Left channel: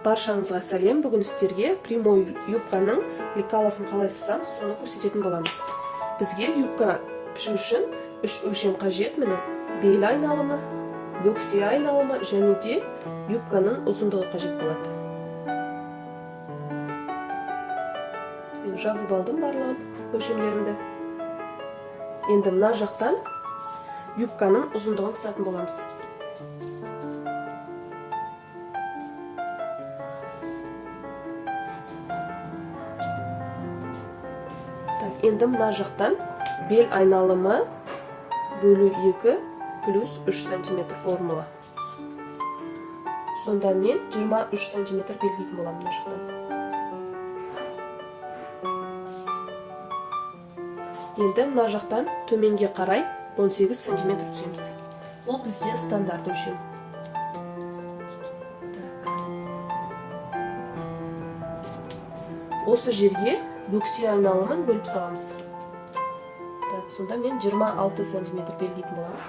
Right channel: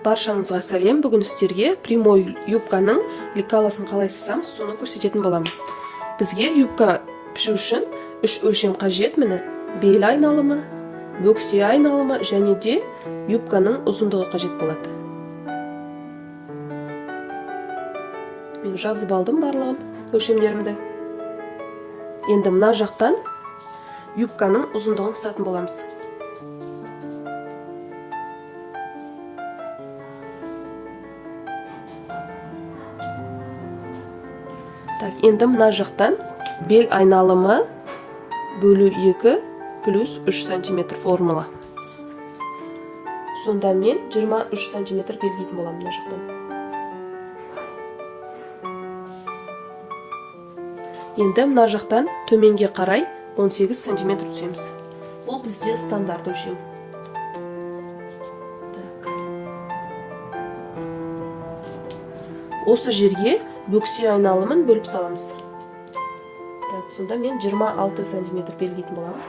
Баршаңызға сәлем. Бүгін сіздерге прямой юбканың лекаласын қалай сызсам, соны көрсететін боламын. Бізге юбка пішу үшін 3 өлшем қажет. Міне бел айналымы, бөксе айналымы және де юбканың ұзындығы қажет болады. Мен жазып алдым барлығын өлшемдерімді. Енді мына жақтан юбканың ұзындығын сызатын боламыз. Енді мына жақтан бел айналымы бөлу 2 плюс 3 сантиметр формула. Сонда мен 23 сантиметр белгілейтін боламын мына жақтан. Енді мына жақтан төменге қарай 18 сантиметр түсеміз. Бұл бізде стандарт өлшем. Осы жерге бөксе айналымын бөліп саламыз. Сонда мен 26 сантиметр белгілейтін боламын.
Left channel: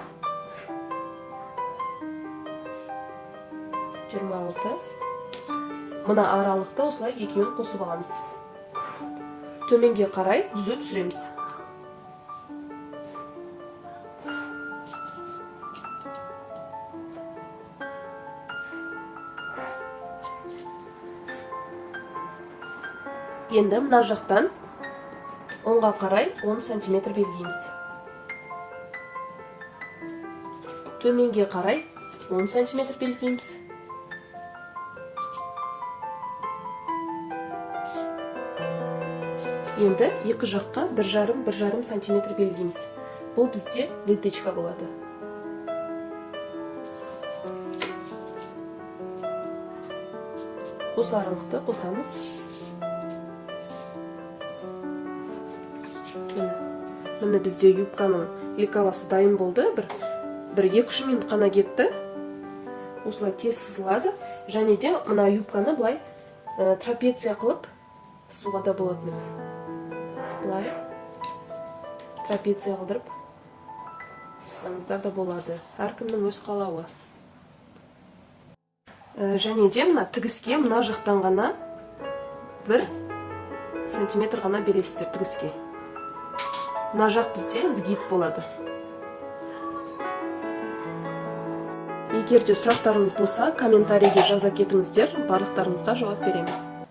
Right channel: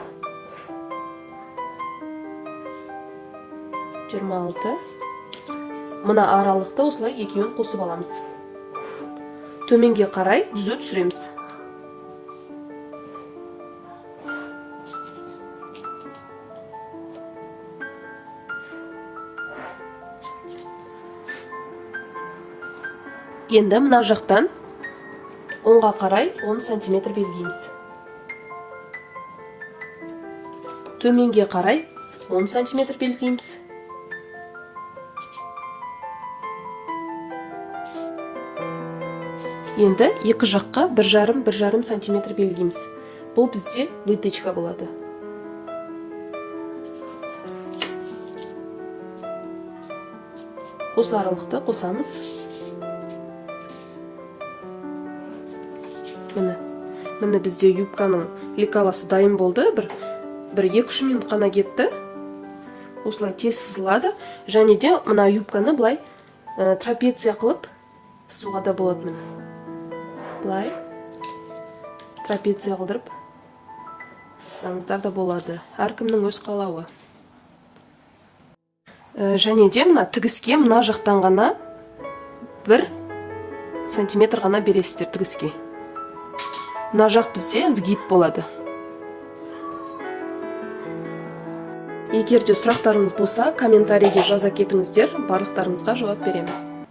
26. Мына аралықты осылай екеуін қосып аламыз. Төменге қарай түзу түсіреміз. Енді мына жақтан оңға қарай 10 сантиметр белгілейміз. Төменге қарай 10 сантиметр белгілейміз. Енді екі жаққа 1,5 сантиметр белгілейміз. Бұл бізде вытычка болады. Осы аралықты қосамыз. Міне бізде юбканың лекаласы дайын болды. Бір 2-3 минут қана кетті. Осылай тез сызылады. Және де мына юбканы былай трапеция қылып суға да болады. Былай трапеция қылдырып сызсаңыздар да болады. Әркімнің өз қалауы. Және де мына тігіске мына жақтан ғана 1 сантиметр ғана бересіздер тігіске. Мына жақ бізде сгиб болады. Егер де сұрақтарыңыз болса, комментарийге жаза кетіңіздер, барлықтарыңызға жауап беремін.